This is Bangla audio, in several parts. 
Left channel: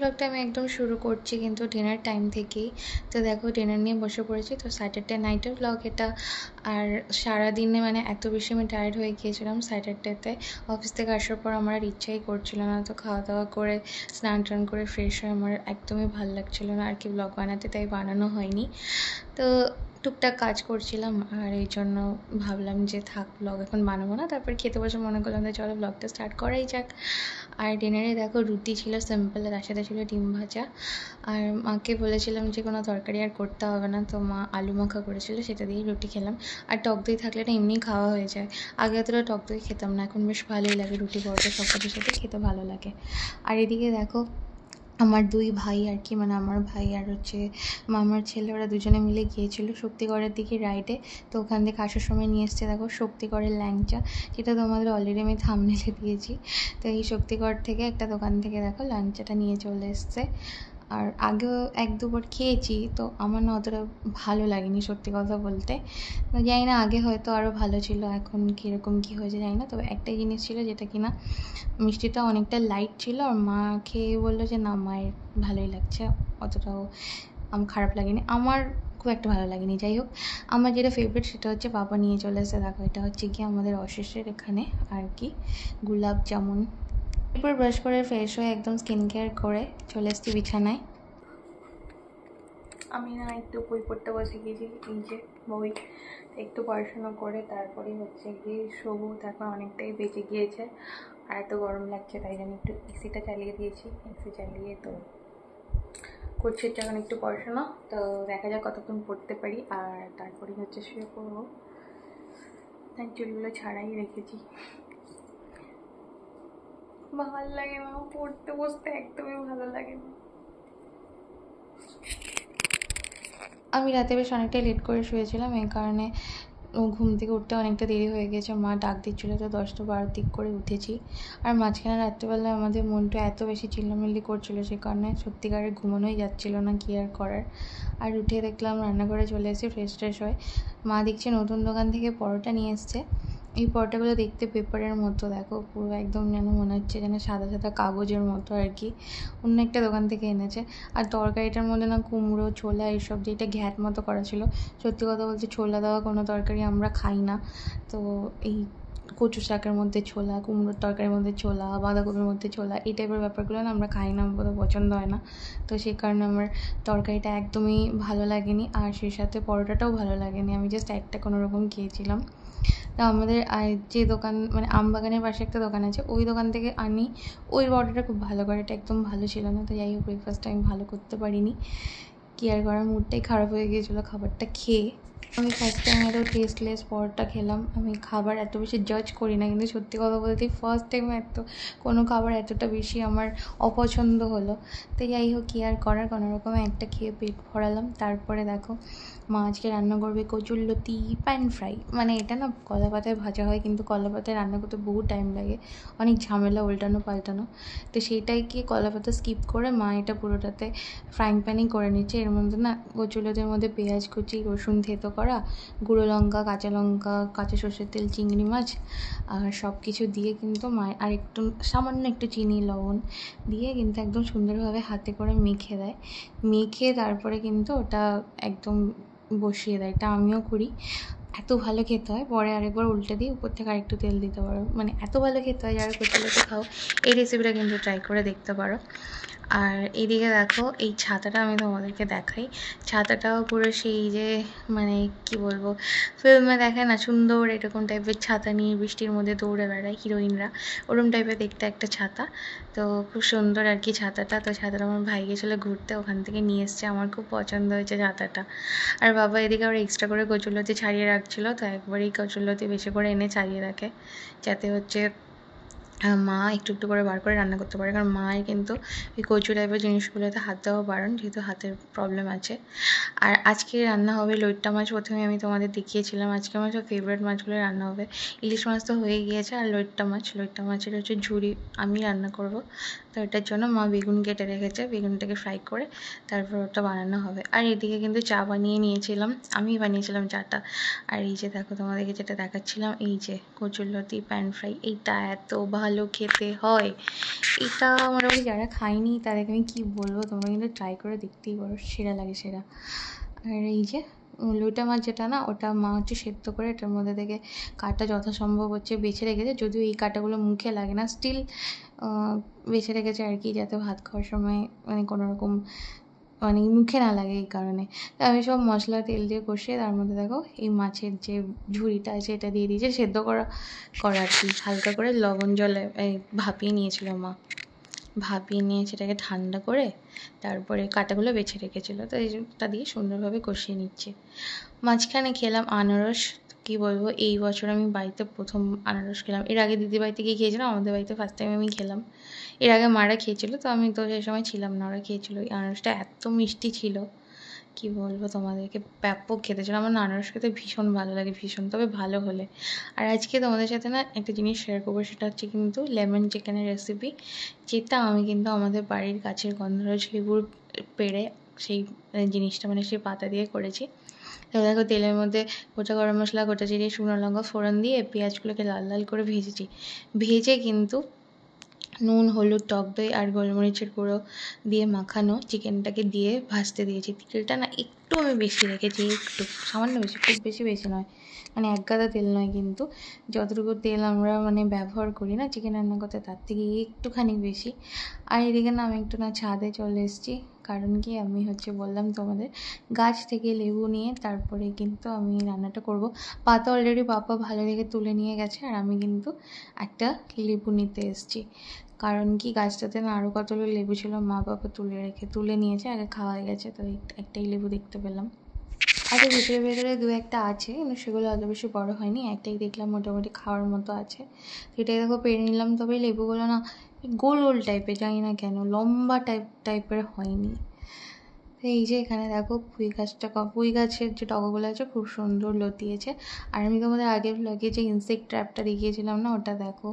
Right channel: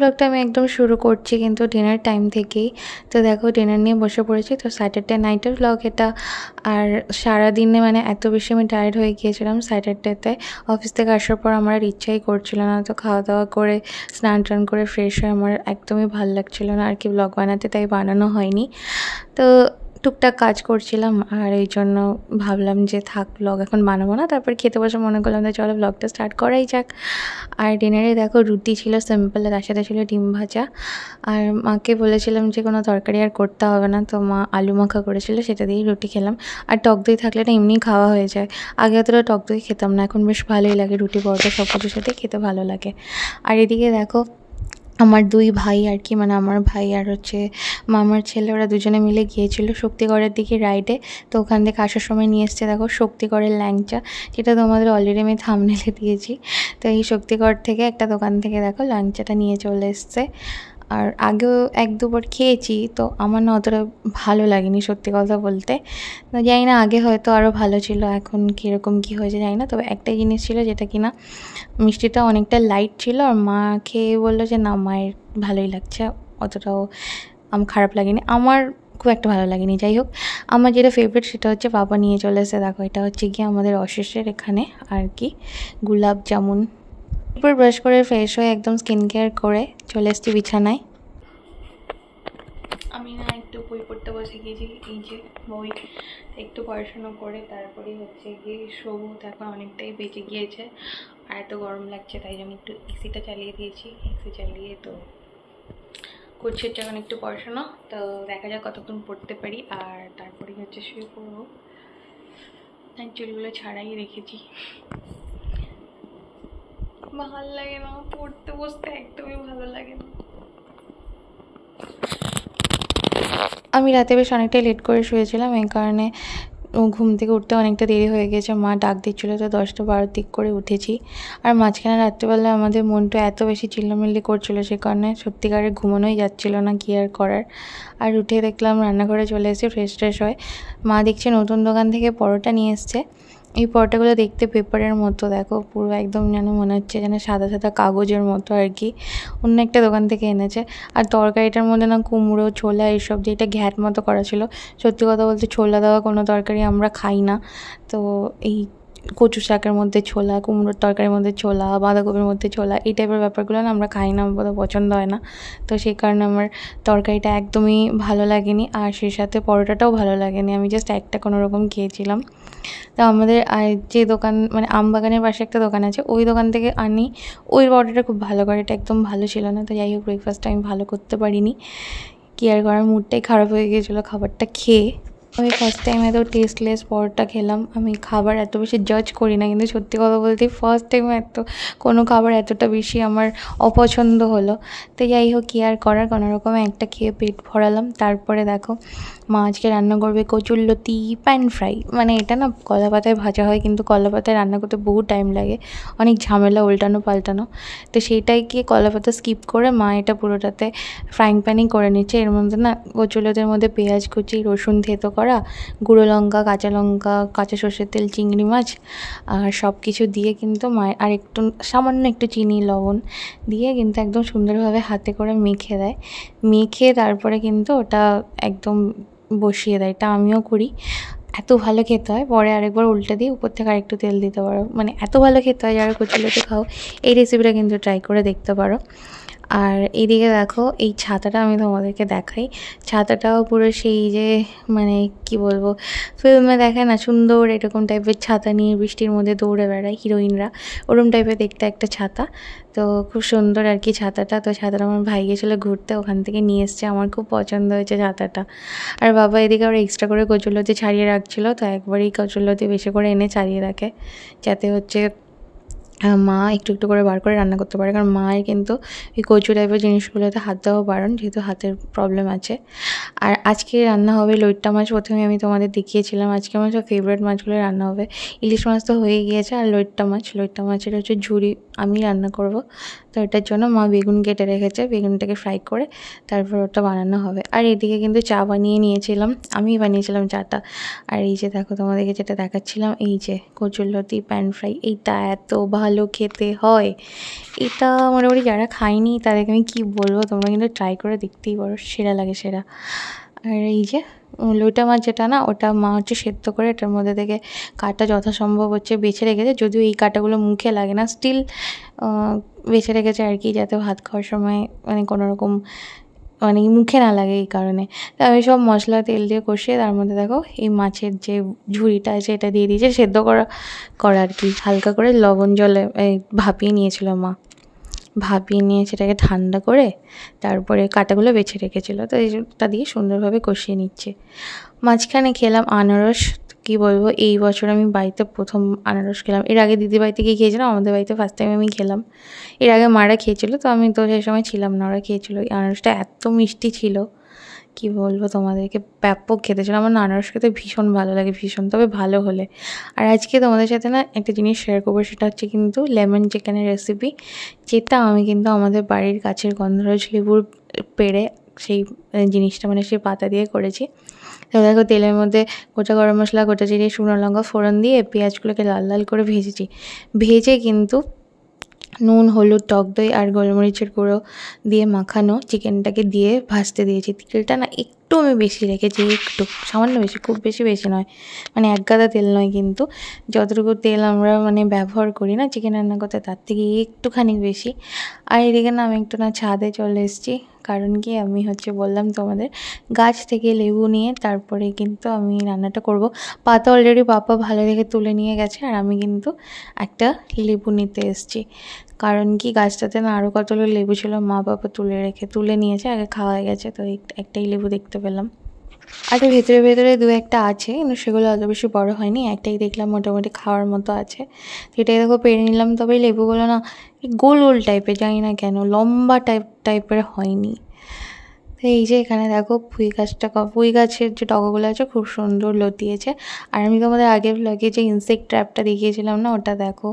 ব্লগটা আমি একদম শুরু করছি কিন্তু ডিনার টাইম থেকেই। তো দেখো ডিনার নিয়ে বসে পড়েছি। তো স্যাটারডে নাইটের ব্লগ এটা। আর সারাদিনে মানে এত বেশি আমি টায়ার্ড হয়ে গিয়েছিলাম স্যাটারডেতে। অফিস থেকে আসার পর আমার আর ইচ্ছাই করছিল না, তো খাওয়া দাওয়া করে স্নান টান করে ফ্রেশ হয়ে আমার একদমই ভালো লাগছিল না আর কি ব্লগ বানাতে, তাই বানানো হয়নি। তো টুকটাক কাজ করছিলাম আর এই জন্য ভাবলাম যে থাক ব্লগ এখন বানাবো না। তারপর খেতে বসে মনে করলাম যে চলো ব্লগটা স্টার্ট করাই যাক। আর ডিনারে দেখো রুটি ছিল সিম্পল, তার সাথে ছিল ডিম ভাজা। আর মাকে বলেছিলাম যে কোনো তরকারি আর করতে হবে না, তো মা আলু মাখা করেছিল, সেটা দিয়েই রুটি খেলাম। আর টক দই থাকলে না এমনি খাওয়া হয়ে যায়। আগে অতটা টক দই খেতাম না, এখন বেশ ভালোই লাগে, রুটি পরোটা সব কিছুর সাথে খেতে ভালো লাগে। আর এদিকে দেখো আমার দুই ভাই আর কি, মানে আমার ভাই আর হচ্ছে মামার ছেলে, ওরা দুজনে মিলে গিয়েছিল শক্তিগড়ের দিকে রাইডে। তো ওখান থেকে আসার সময় নিয়ে এসছে দেখো শক্তিগড়ের ল্যাংচা, যেটা তোমাদের অলরেডি আমি থাম্বনেলে দিয়েছি। তো এই শক্তিগড় থেকে একটা দোকান থেকে দেখো ল্যাংচাটা নিয়ে চলে এসছে। আর আগেও এক দুবার খেয়েছি, তো আমার না অতটা ভালো লাগেনি সত্যি কথা বলতে। তো জানি না আগে হয়তো আরও ভালো ছিল, এখন কীরকম কী হয়েছে জানি না। তবে একটাই জিনিস ছিল যেটা কিনা মিষ্টিটা অনেকটা লাইট ছিল, আর মা খেয়ে বললো যে না মায়ের ভালোই লাগছে, অতটাও আমার খারাপ লাগেনি, আমার খুব একটা ভালো লাগেনি। যাই হোক, আমার যেটা ফেভারিট সেটা হচ্ছে বাবা নিয়ে চলে এসে দেখো, এটা হচ্ছে গিয়ে আমাদের অশেষের এখানে আর কি গোলাপ জামুন। এরপর ব্রাশ করে ফ্রেশ হয়ে একদম স্কিন কেয়ার করে চলে এসেছি বিছানায়। আমি না একটু বই পড়তে বসে গিয়েছি, এই যে বই, একটু পড়াশুনো করে তারপরেই হচ্ছে গিয়ে শোবো। এখন অনেকটাই বেঁচে গিয়েছে আর এত গরম লাগছে, তাই জন্য একটু এসিটা চালিয়ে দিয়েছি। এসি চালিয়ে তো করছি হচ্ছে এখন একটু পড়াশোনা। তো দেখা যাক কতক্ষণ পড়তে পারি, আর তারপরেই হচ্ছে শুয়ে পড়বো। চুলগুলো ছাড়াই রেখেছি, ভালো লাগে না পড়তে বসতে, একদমই ভালো লাগে না। আমি রাতে বেশ অনেকটাই লেট করে শুয়েছিলাম, এই কারণে ঘুম থেকে উঠতে অনেকটা দেরি হয়ে গেছে। মা ডাক দিচ্ছিলো, তো 10টা-12 দিক করে উঠেছি। আর মাঝখানে রাত্রিবেলা আমাদের মনটা এত বেশি চিল্লামিল্লি করছিলো, সে কারণে সত্যিকারের ঘুমানোই যাচ্ছিলো না, কী আর করার। আর উঠে দেখলাম রান্নাঘরে চলে এসে ফ্রেশ ট্রেশ হয়। মা দেখছে নতুন দোকান থেকে পরোটা নিয়ে এসছে। এই পরোটাগুলো দেখতে পেপারের মতো, দেখো পুরো একদম যেন মনে হচ্ছে যেন সাদা সাদা কাগজের মতো আর কি, অন্য একটা দোকান থেকে এনেছে। আর তরকারিটার মধ্যে না কুমড়ো ছোলা এইসব দিয়ে এটা ঘ্যাট মতো করা ছিল। সত্যি কথা বলতে ছোলা দেওয়া কোনো তরকারি আমরা খাই না, তো এই কচু শাকের মধ্যে ছোলা, কুমড়োর তরকারির মধ্যে ছোলা, বাঁধাকপির মধ্যে ছোলা, এই টাইপের ব্যাপারগুলো না আমরা খাই না, আমাদের পছন্দ হয় না। তো সেই কারণে আমার তরকারিটা একদমই ভালো লাগেনি, আর সেই সাথে পরোটাটাও ভালো লাগেনি। আমি জাস্ট একটা কোনো রকম খেয়েছিলাম। তো আমাদের যে দোকান মানে আমবাগানের পাশে একটা দোকান আছে, ওই দোকান থেকে আনি, ওই পরোটাটা খুব ভালো করে, এটা একদম ভালো ছিল না। তো যাই হোক, ব্রেকফাস্টটা আমি ভালো করতে পারিনি, কি আর করার, মুডটাই খারাপ হয়ে গিয়েছিলো খাবারটা খেয়ে। আমি ফার্স্ট টাইম এত টেস্টলেস পরোটা খেলাম। আমি খাবার এত বেশি জাজ করি না, কিন্তু সত্যি কথা বলতে ফার্স্ট টাইম এত কোনো খাবার এতটা বেশি আমার অপছন্দ হলো। তো যাই হোক, কী আর করার, কোনো রকমে একটা খেয়ে পেট ভরালাম। তারপরে দেখো মা আজকে রান্না করবে কচুরলতি প্যান ফ্রাই। মানে এটা না কলা পাতায় ভাজা হয়, কিন্তু কলা পাতায় রান্না করতে বহু টাইম লাগে, অনেক ঝামেলা উল্টানো পাল্টানো। তো সেইটাইকে কলা পাতা স্কিপ করে মা এটা পুরোটাতে ফ্রাইং প্যানেই করে নিচ্ছে। এর মধ্যে না কচুরলতির মধ্যে পেঁয়াজ কুচি, রসুন থেতো করা, গুঁড়ো লঙ্কা, কাঁচা লঙ্কা, কাঁচা সর্ষের তেল, চিংড়ি মাছ আর সব কিছু দিয়ে কিন্তু মায়ের, আর একটু সামান্য একটু চিনি লবণ দিয়ে কিন্তু একদম সুন্দরভাবে হাতে করে মেখে দেয়। মেখে তারপরে কিন্তু ওটা একদম বসিয়ে দেয়। এটা আমিও করি, এত ভালো খেতে হয়। পরে আরেকবার উল্টে দিয়ে উপর থেকে আরেকটু তেল দিতে পারো, মানে এত ভালো খেতে হয়। যারা কচুরলতি খাও এই রেসিপিটা কিন্তু ট্রাই করে দেখতে পারো। আর এইদিকে দেখো এই ছাতাটা আমি তোমাদেরকে দেখাই। ছাতাটাও পুরো সেই যে মানে কি বলবো, ফিল্মে দেখায় না সুন্দর এরকম টাইপের ছাতা নিয়ে বৃষ্টির মধ্যে দৌড়ে বেড়ায় হিরোইনরা, ওরম টাইপের দেখতে একটা ছাতা। তো খুব সুন্দর আর কি ছাতাটা। তো ছাতাটা আমার ভাই গেছিলো ঘুরতে, ওখান থেকে নিয়ে এসছে, আমার খুব পছন্দ হয়েছে ছাতাটা। আর বাবা এদিকে আবার এক্সট্রা করে কচুরলতি ছাড়িয়ে রাখছিলো, তো একবারই কচুরলতি বেশি করে এনে ছাড়িয়ে রাখে, যাতে হচ্ছে মা একটু একটু করে বার করে রান্না করতে পারে। কারণ মায়ের কিন্তু এই কচু টাইপের জিনিসগুলোতে হাত দেওয়া বারণ, যেহেতু হাতের প্রবলেম আছে। আর আজকে রান্না হবে লইট্টা মাছ। প্রথমে আমি তোমাদের দেখিয়েছিলাম, আজকে আমার সব ফেভারিট মাছগুলো রান্না হবে। ইলিশ মাছ তো হয়ে গিয়েছে, আর লইট্টা মাছের হচ্ছে ঝুড়ি আমি রান্না করব। তো এটার জন্য মা বেগুন কেটে রেখেছে, বেগুনটাকে ফ্রাই করে তারপর ওটা বানানো হবে। আর এদিকে কিন্তু চা বানিয়ে নিয়েছিলাম, আমিই বানিয়েছিলাম চাটা। আর এই যে দেখো তোমাদেরকে যেটা দেখাচ্ছিলাম, এই যে কচুরলতি প্যান ফ্রাই, এইটা এত ভালো ভালো খেতে হয়। এটা মোটামুটি যারা খায়নি তাদেরকে আমি কী বলবো, তোমরা কিন্তু ট্রাই করে দেখতেই পারো, সেরা লাগে সেরা। আর এই যে লইটা মাছ যেটা না, ওটা মা হচ্ছে সেদ্ধ করে এটার মধ্যে থেকে কাঁটা যথাসম্ভব হচ্ছে বেছে রেখেছে, যদিও এই কাঁটাগুলো মুখে লাগে না, স্টিল বেছে রেখেছে আর কি, যাতে ভাত খাওয়ার সময় মানে কোনোরকম মানে মুখে না লাগে এই কারণে। তা আমি সব মশলা তেল দিয়ে কষিয়ে তার মধ্যে দেখো এই মাছের যে ঝুড়িটা আছে এটা দিয়ে দিয়েছে, সেদ্ধ করা আর কি, হালকা করে লবণ জলে ভাপিয়ে নিয়েছিল মা, ভাপিয়ে নিয়ে সেটাকে ঠান্ডা করে তারপরে কাঁটাগুলো বেছে রেখেছিলো, তো এইটা দিয়ে সুন্দরভাবে কষিয়ে নিচ্ছে। মাঝখানে খেলাম আনারস। কী বলবো, এই বছর আমি বাড়িতে প্রথম আনারস খেলাম। এর আগে দিদি বাড়িতে গিয়ে খেয়েছিলাম, আমাদের বাড়িতে ফার্স্ট টাইম আমি খেলাম। এর আগে মারা খেয়েছিল, তো আমি তো সেই সময় ছিলাম না, ওরা খেয়েছিলো। এই আনারসটা এত মিষ্টি ছিল, কী বলবো তোমাদেরকে, ব্যাপক খেতে ছিল। আমার না আনারস খেতে ভীষণ ভালো লাগে, ভীষণ, তবে ভালো হলে। আর আজকে তোমাদের সাথে না একটা জিনিস শেয়ার করবো, সেটা হচ্ছে কিন্তু লেমন চিকেনের রেসিপি, যেটা আমি কিন্তু আমাদের বাড়ির কাছের গন্ধরাজ লেবুর পেড়ে সেই জিনিসটা মানে সেই পাতা দিয়ে করেছি। তো দেখো তেলের মধ্যে গোটা গরম মশলা, গোটা জিরে, শুকনো লঙ্কা ফোড়ন দিয়ে পেঁয়াজগুলোকে লাল লাল করে ভেজেছি। ভেজে কিন্তু নুন, হলুদ, টক দই আর গোলমরিচের গুঁড়ো দিয়ে মাখানো চিকেনটাকে দিয়ে ভাজতে দিয়েছি। তেলটা না একটু আমি বেশি রেখেছি, একটু সামান্য বেশি, খুব বেশি নয়, মানে এক গাদা তেল নয়, কিন্তু যতটুকু তেল আমরা মানে ব্যবহার করি না চিকেন রান্না করতে তার থেকে একটুখানি বেশি। আর এদিকে না আমি একটু না ছাদে চলে এসেছি, কারণ কি আমি হচ্ছে বললাম তোমাদের গাছ থেকে লেবু নিয়ে তারপরে কিন্তু আমি রান্নাটা করব। পাতা অলরেডি পাপা ভালো দেখে তুলে নিয়ে গেছে, আর আমি কিন্তু একটা লেবু নিতে এসেছি, কারণ কি গাছটাতে না আরও কতগুলো লেবু ছিল, মা বাবা তুলে নিয়েছে, আগে খাওয়া হয়ে গেছে, তো একটাই লেবু দেখতে পেলাম। আর এর ভেতরে ভেতরে দু একটা আছে, কিন্তু সেগুলো অত বেশি বড় হয়নি, একটাই দেখলাম মোটামুটি খাওয়ার মতো আছে, সেটাই দেখো পেরে নিলাম। তবে লেবুগুলো না গোল গোল টাইপের, জানি না কেন লম্বা টাইপের হয়নি। তো এই যে এখানে দেখো পুঁই গাছের যে ডগাগুলো আছে খুব সুন্দর লতিয়েছে। আর আমি তোমাদের আগের ব্লগে যে ইনসেক্ট ট্র্যাপটা দেখিয়েছিলাম না, ওটা দেখো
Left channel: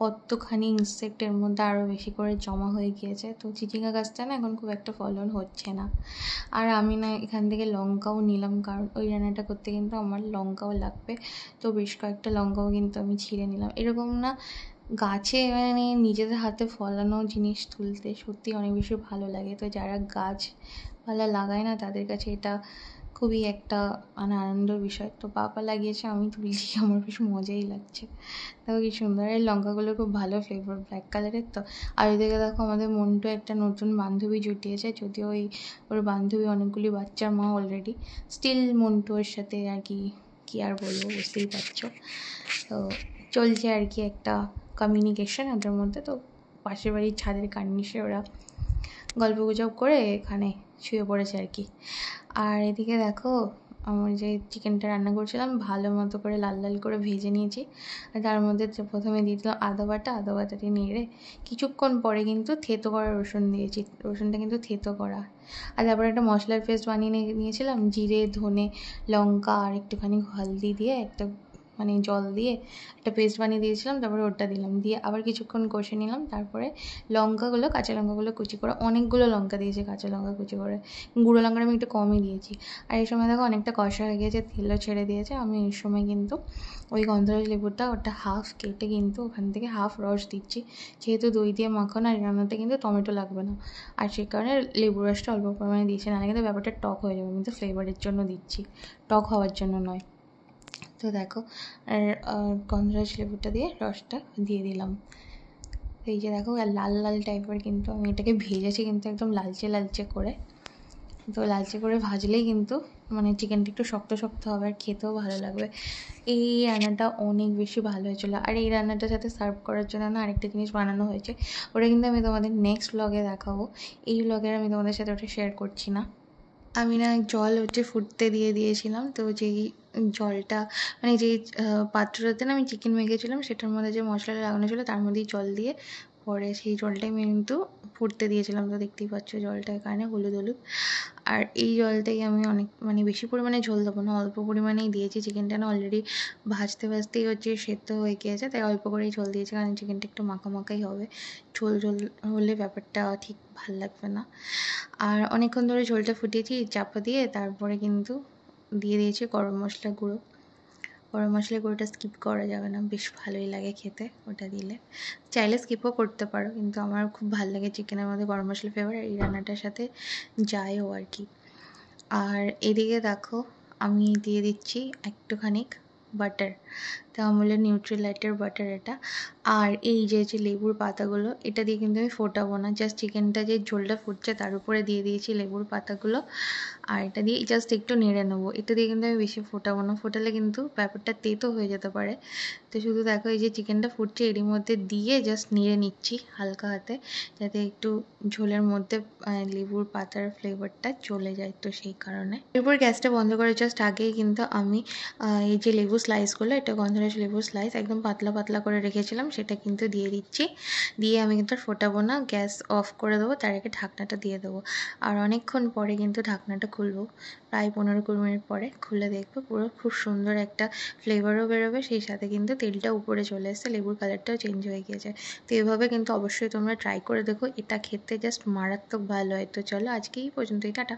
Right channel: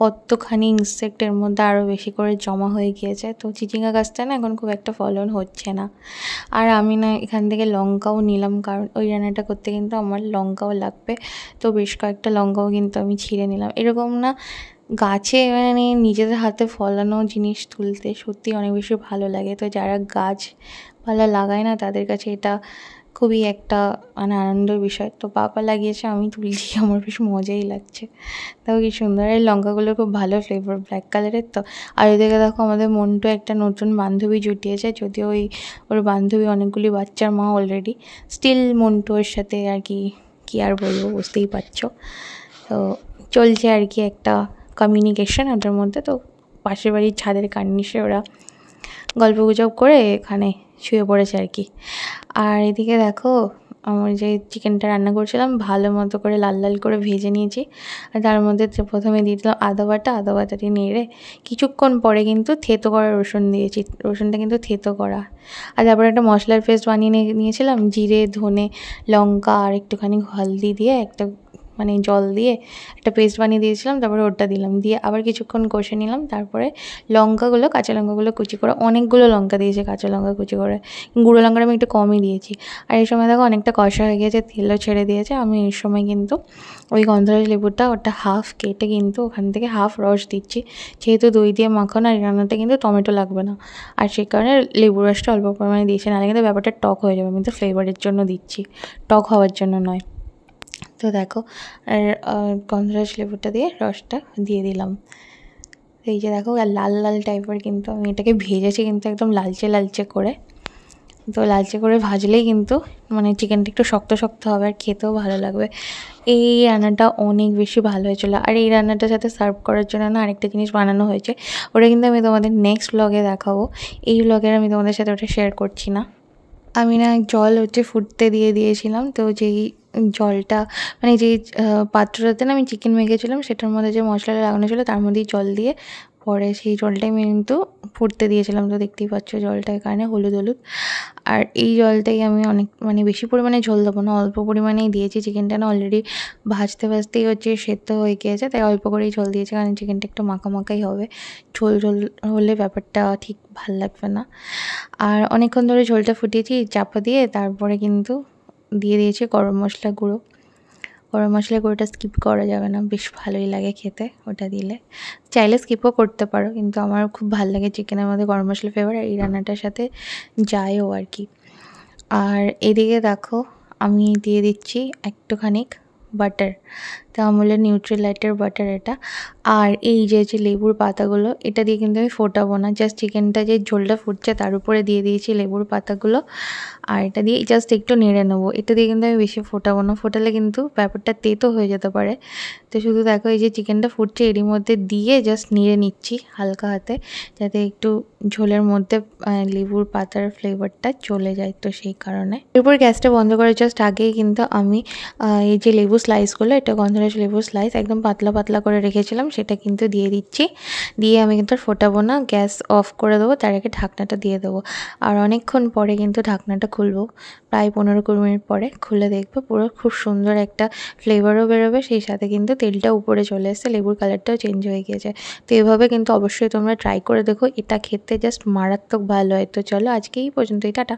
কতখানি ইনসেক্টের মধ্যে আরও বেশি করে জমা হয়ে গিয়েছে। তো চিচিঙ্গা গাছটা না এখন খুব একটা ফলন হচ্ছে না। আর আমি না এখান থেকে লঙ্কাও নিলাম, কারণ ওই রান্নাটা করতে কিন্তু আমার লঙ্কাও লাগবে, তো বেশ কয়েকটা লঙ্কাও কিন্তু আমি ছিঁড়ে নিলাম। এরকম না গাছে মানে নিজেদের হাতে ফলানো জিনিস তুলতে সত্যি অনেক বেশি ভালো লাগে। তো যারা গাছপালা লাগায় না তাদের কাছে এটা খুবই একটা মানে আনন্দের বিষয়। তো বাবা লাগিয়েছে, আমি তুলছি, আমার বেশ মজাই লাগছে। দেখো কি সুন্দর, এই লঙ্কাগুলো খুব ভালো ফ্লেভার, ব্ল্যাক কালারের। তো আর এদিকে দেখো আমাদের মন্টু একটা নতুন বান্ধবী জুটিয়েছে, যদিও ওর বান্ধবী অনেকগুলি বাচ্চার মা অলরেডি, স্টিল মন্টু ওর সাথে আর কি আর বলবো, বুঝতেই পারছো। তো চলছে আর কি একটা কমিউনিকেশন ওদের মধ্যে। তো পাশের বাড়ির ছাদের কার্নিশে ওরা গল্পগুজব করে এখানে শুয়ে পড়েছে আর কি। আর এদিকে দেখো আমার যে চিকেনটা রান্না করছিলাম ভালো মতো করে লাল লাল করে ভেজে নিয়েছি। আর তার মধ্যে প্রথমে দিয়ে দিলাম আদা বাটাটি নেড়ে কিছুক্ষণ পরে কিন্তু থেতো করা রসুন দিয়েছি, রসুনটা কিন্তু থেতো করা। আর তারপরে একটা মশলার পেস্ট বানিয়ে নিয়েছিলাম, জিরে, ধনে, লঙ্কা আর একটুখানি হলদি দিয়ে একটা মানে জল দিয়ে একটা পেস্ট বানিয়ে দিয়েছিলাম, তারপরে ওটা দিলাম, দিয়ে আবার কিছুক্ষণ কষে নিলাম। তারপরে কাঁচা লঙ্কাগুলো কুচি করে, অনেকগুলো লঙ্কা দিয়েছি কাঁচা লঙ্কা কুচি করে, গুঁড়ো লঙ্কাটা আমি একটু কমই দিয়েছি। আর এই সময় দেখো অনেকটা কষা হয়ে গিয়েছে, তেলও ছেড়ে দিয়েছে। আমি এই সময় কিন্তু ওই গন্ধরাজ লেবুটা ওটা হাফ কেটে কিন্তু ওখান থেকে হাফ রস দিচ্ছি, যেহেতু দই দিয়ে মাখানো আর রান্নাটা কিন্তু টমেটো লাগবে না, আর সেই কারণে লেবু রসটা অল্প পরিমাণে দিয়েছি, নাহলে কিন্তু ব্যাপারটা টক হয়ে যাবে। আমি তো ফ্লেভারের জন্য দিচ্ছি, টক হওয়ার জন্য নয়। তো দেখো আর গন্ধরাজ লেবুটা দিয়ে রসটা দিয়ে দিলাম। এই যে দেখো আর লাল লাল টাইপের কিন্তু আমি এটাকে ভেজেছি কিন্তু একদম লালচে করে। তো লালচে করে ভাজলেই কিন্তু মানে চিকেনটা একটু শক্ত শক্ত হবে আর খেতেও ভালো লাগবে। এই রান্নাটা অনেক বেশি ভালো হয়েছিলো। আর এই রান্নাটার সাথে সার্ভ করার জন্য না আরেকটা জিনিস বানানো হয়েছে, ওটা কিন্তু আমি তোমাদের নেক্সট ব্লগে দেখাবো। এই ব্লগের আমি তোমাদের সাথে ওটা শেয়ার করছি না। আমি না জল হচ্ছে ফুটতে দিয়েছিলাম, তো যেই জলটা মানে যেই পাত্রটাতে না আমি চিকেন মেখেছিলাম সেটার মধ্যে যে মশলাটা লাগানো ছিল তার মধ্যেই জল দিয়ে পরে সেই জলটাই আমি কিন্তু ফুটতে দিয়েছিলাম। তো দেখতেই পাচ্ছ জলটা এখানে হলুদ। আর এই জলটাই আমি অনেক মানে বেশি পরিমাণে ঝোল দেবো না, অল্প পরিমাণেই দিয়েছি। চিকেনটা না অলরেডি ভাজতেই হচ্ছে সেদ্ধ হয়ে গিয়েছে, তাই অল্প করেই জল দিয়েছি, কারণ চিকেনটা একটু মাখাই হবে, ঝোল হলে ব্যাপারটা ঠিক ভাল লাগবে না। আর অনেকক্ষণ ধরে ঝোলটা ফুটিয়েছি চাপা দিয়ে, তারপরে কিন্তু দিয়ে দিয়েছি গরম মশলা গুঁড়ো, গরম মশলা গুঁড়োটা স্কিপ করা যাবে না, বেশ ভালোই লাগে খেতে ওটা দিলে। চাইলে স্কিপও করতে পারো, কিন্তু আমার খুব ভালো লাগে চিকেনের মধ্যে গরম মশলা ফ্লেভার, আর এই রান্নাটার সাথে যায়ও আর কি। আর এদিকে দেখো আমি দিয়ে দিচ্ছি একটুখানি বাটার, তো আমুলের নিউট্রিলাইটের বাটার এটা। আর এই যে লেবুর পাতাগুলো, এটা দিয়ে কিন্তু আমি ফোটাবো না, জাস্ট চিকেনটা যে ঝোলটা ফুটছে তার উপরে দিয়ে দিয়েছি লেবুর পাতাগুলো, আর এটা দিয়ে জাস্ট একটু নেড়ে নেবো। এটা দিয়ে কিন্তু আমি বেশি ফোটাবো না, ফোটালে কিন্তু ব্যাপারটা তেতো হয়ে যেতে পারে। তো শুধু দেখো এই যে চিকেনটা ফুটছে এরই মধ্যে দিয়ে জাস্ট নেড়ে নিচ্ছি হালকা হাতে, যাতে একটু ঝোলের মধ্যে লেবুর পাতার ফ্লেভারটা চলে যায়, তো সেই কারণে। এরপর গ্যাসটা বন্ধ করার জাস্ট আগেই কিন্তু আমি এই যে লেবু স্লাইসগুলো, এটা গন্ধরাজ লেবু স্লাইস একদম পাতলা পাতলা করে রেখেছিলাম, সেটা কিন্তু দিয়ে দিচ্ছি। দিয়ে আমি কিন্তু আর ফোটাবো না, গ্যাস অফ করে দেবো, তার আগে ঢাকনাটা দিয়ে দেবো। আর অনেকক্ষণ পরে কিন্তু ঢাকনাটা খুলবো, প্রায় 15-20 মিনিট পরে খুলে দেখবো, পুরো খুব সুন্দর একটা ফ্লেভারও বেরোবে, সেই সাথে কিন্তু তেলটা উপরে চলে এসেছে, লেবুর কালারটাও চেঞ্জ হয়ে গিয়েছে। তো এভাবে কিন্তু অবশ্যই তোমরা ট্রাই করে দেখো, এটা খেতে জাস্ট মারাত্মক ভালো হয়। তো চলো আজকে এই পর্যন্তই, টাটা।